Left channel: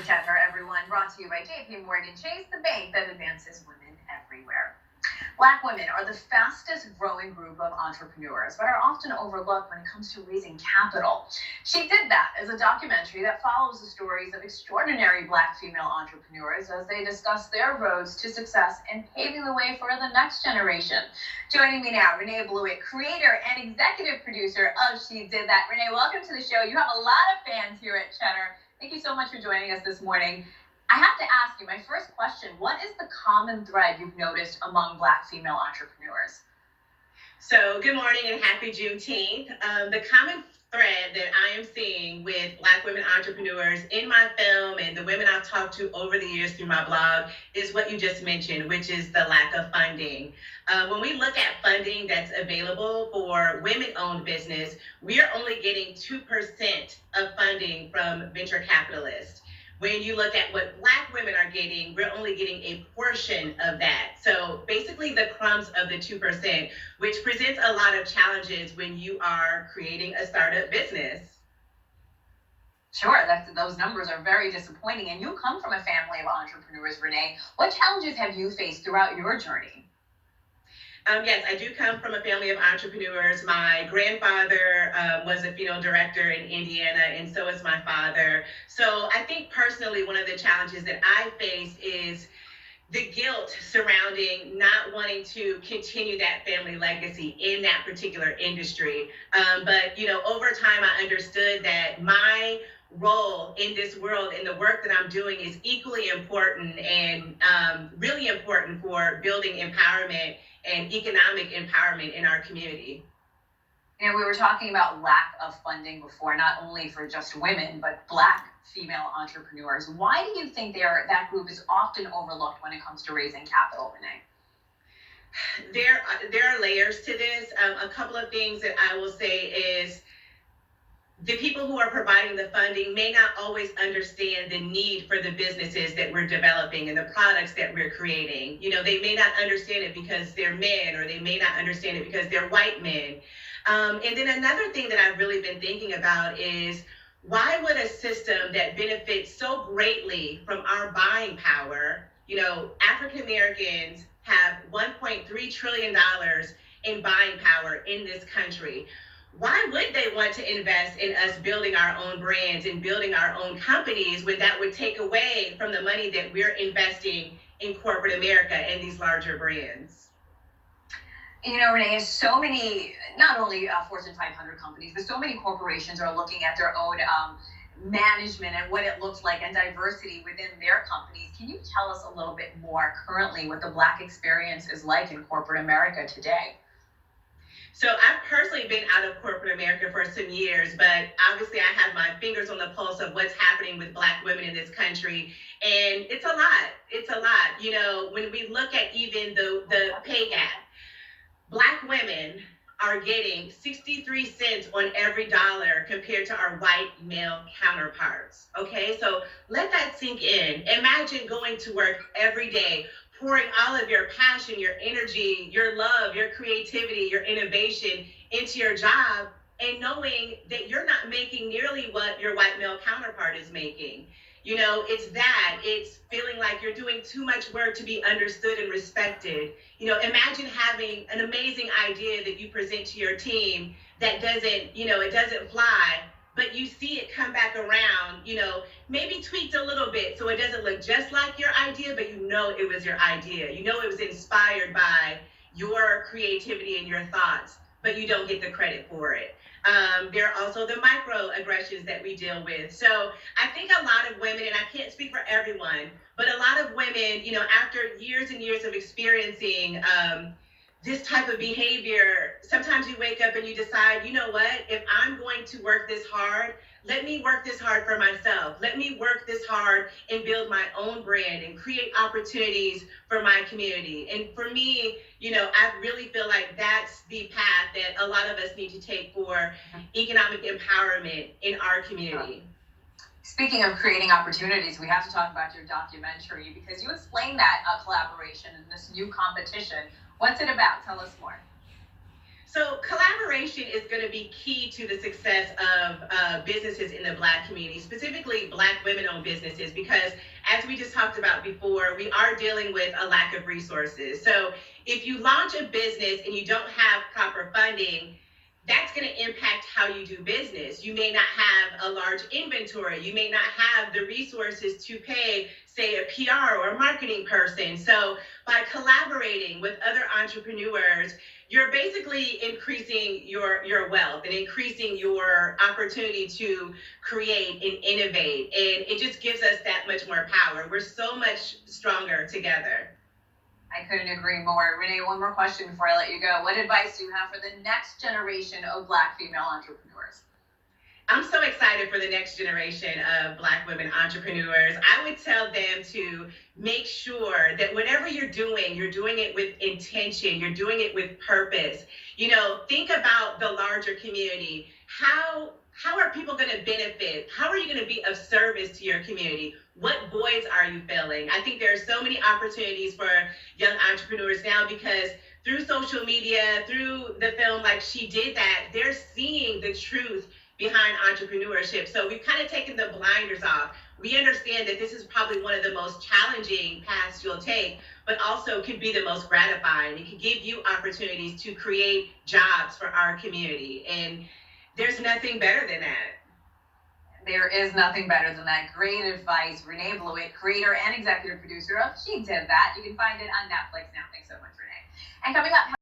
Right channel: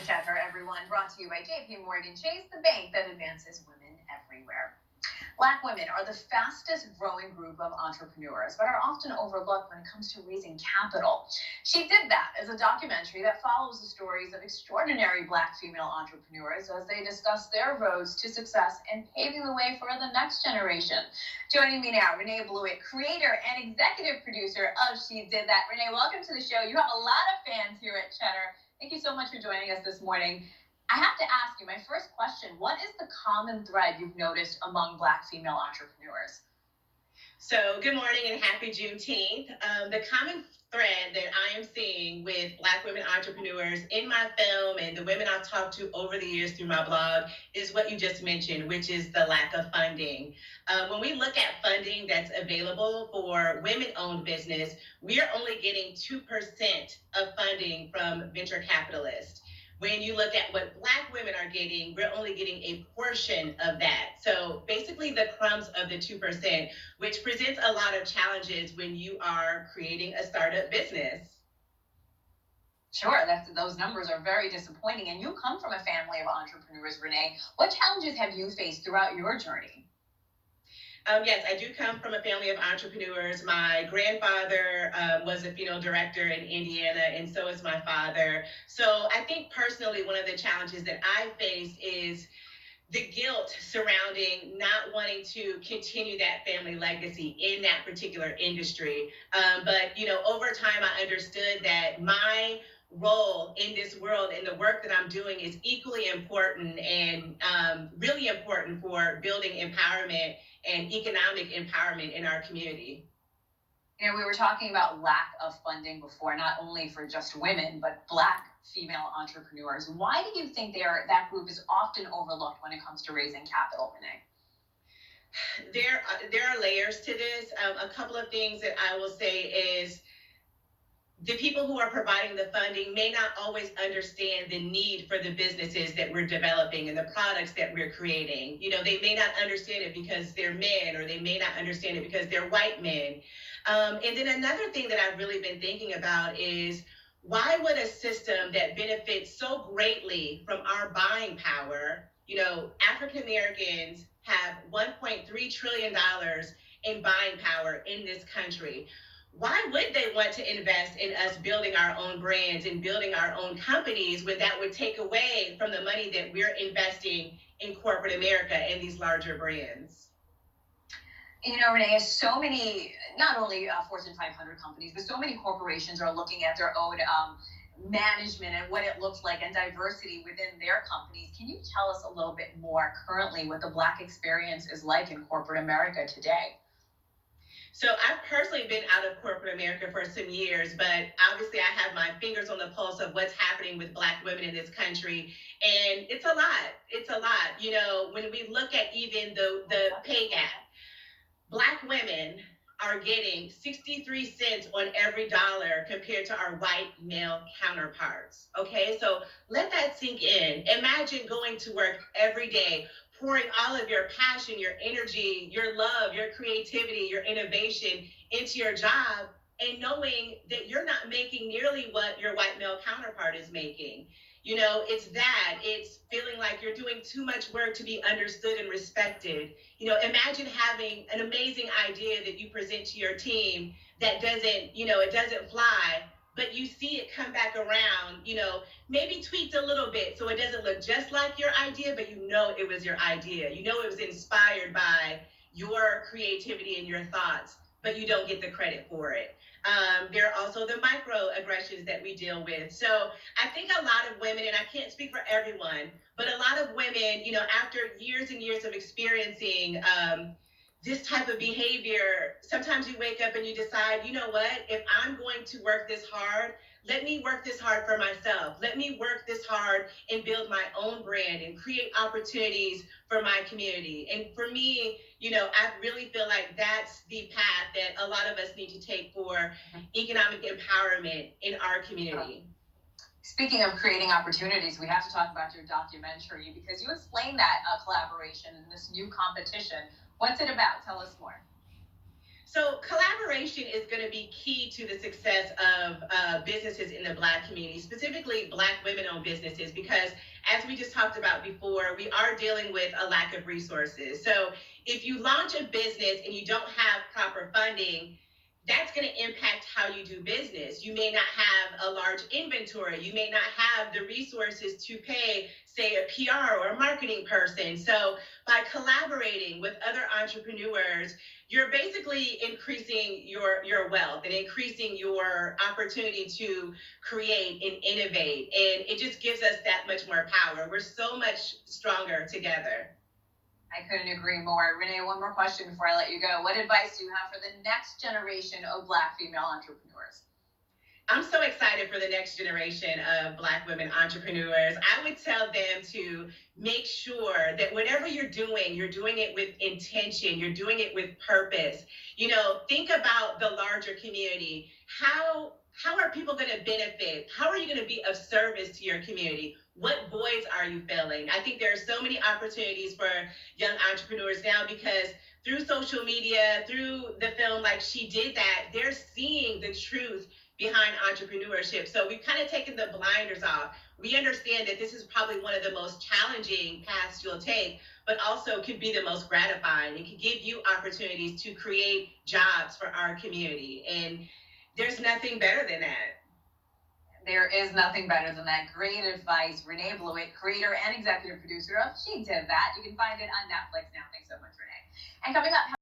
ChedHer, everyone, brought to you by JP Morgan Chase, the bank that advances women everywhere. Black women are the fastest growing group of entrepreneurs, but are often overlooked when it comes to raising capital. She did that as a documentary that follows the stories of extraordinary Black female entrepreneurs as they discuss their roads to success and paving the way for the next generation. Joining me now, Ranae Bluitt, creator and executive producer of She Did That. Ranae, welcome to the show. You have a lot of fans here at ChedHer. Thank you so much for joining us this morning. I have to ask you, my first question, what is the common thread you've noticed among Black female entrepreneurs? So good morning and happy Juneteenth. The common thread that I am seeing with Black women entrepreneurs in my film and the women I've talked to over the years through my blog is what you just mentioned, which is the lack of funding. When we look at funding that's available for women-owned business, we are only getting 2% of funding from venture capitalists. When you look at what Black women are getting, we're only getting a portion of that. So basically the crumbs of the 2%, which presents a lot of challenges when you are creating a startup business. Sure, those numbers are very disappointing. And you come from a family of entrepreneurs, Ranae. What challenges have you faced throughout your journey? Yes, I do come from a family of entrepreneurs. My grandfather was a funeral director in Indiana, and so is my father. So I think personally, one of the challenges that I face is the guilt surrounding not wanting to continue that family legacy in that particular industry. But over time, I understood that my role in this world and the work that I'm doing is equally important and really important for building empowerment and economic empowerment in our community. We were talking about lack of funding before, not only for just women, but Black female entrepreneurs. Why do you think that group is often overlooked when it comes to raising capital, Ranae? There are layers to this. A couple of things that I will say is the people who are providing the funding may not always understand the need for the businesses that we're developing and the products that we're creating. They may not understand it because they're men, or they may not understand it because they're white men. And then another thing that I've really been thinking about is, why would a system that benefits so greatly from our buying power, African Americans have $1.3 trillion in buying power in this country. Why would they want to invest in us building our own brands and building our own companies when that would take away from the money that we're investing in corporate America and these larger brands? Ranae, so many, not only Fortune 500 companies, but so many corporations are looking at their own management and what it looks like and diversity within their companies. Can you tell us a little bit more currently what the Black experience is like in corporate America today? So I've personally been out of corporate America for some years, but obviously I have my fingers on the pulse of what's happening with Black women in this country. And it's a lot. It's a lot. When we look at even the pay gap, Black women are getting 63 cents on every dollar compared to our white male counterparts. Okay, so let that sink in. Imagine going to work every day, pouring all of your passion, your energy, your love, your creativity, your innovation into your job, and knowing that you're not making nearly what your white male counterpart is making. It's feeling like you're doing too much work to be understood and respected. Imagine having an amazing idea that you present to your team that it doesn't fly, but you see it come back around, maybe tweaked a little bit so it doesn't look just like your idea, but it was your idea. It was inspired by your creativity and your thoughts, but you don't get the credit for it. There are also the microaggressions that we deal with. So I think a lot of women, and I can't speak for everyone, but a lot of women, after years and years of experiencing this type of behavior, sometimes you wake up and you decide, if I'm going to work this hard, let me work this hard for myself. Let me work this hard and build my own brand and create opportunities for my community. And for me, I really feel like that's the path that a lot of us need to take for economic empowerment in our community. Speaking of creating opportunities, we have to talk about your documentary because you explained that collaboration and this new competition. What's it about? Tell us more. So collaboration is going to be key to the success of businesses in the Black community, specifically Black women-owned businesses, because as we just talked about before, we are dealing with a lack of resources. So if you launch a business and you don't have proper funding, that's going to impact how you do business. You may not have a large inventory. You may not have the resources to pay, say, a PR or a marketing person. So by collaborating with other entrepreneurs, you're basically increasing your wealth and increasing your opportunity to create and innovate. And it just gives us that much more power. We're so much stronger together. I couldn't agree more. Renae, one more question before I let you go. What advice do you have for the next generation of Black female entrepreneurs? I'm so excited for the next generation of Black women entrepreneurs. I would tell them to make sure that whatever you're doing it with intention, you're doing it with purpose. You know, think about the larger community. How are people going to benefit? How are you going to be of service to your community? What voids are you filling? I think there are so many opportunities for young entrepreneurs now because through social media, through the film Like She Did That, they're seeing the truth behind entrepreneurship. So we've kind of taken the blinders off. We understand that this is probably one of the most challenging paths you'll take, but also can be the most gratifying. It can give you opportunities to create jobs for our community. And there's nothing better than that. There is nothing better than that. Great advice. Ranae Bluitt, creator and executive producer of She Did That. You can find it on Netflix now. Thanks so much, Renae. And coming up,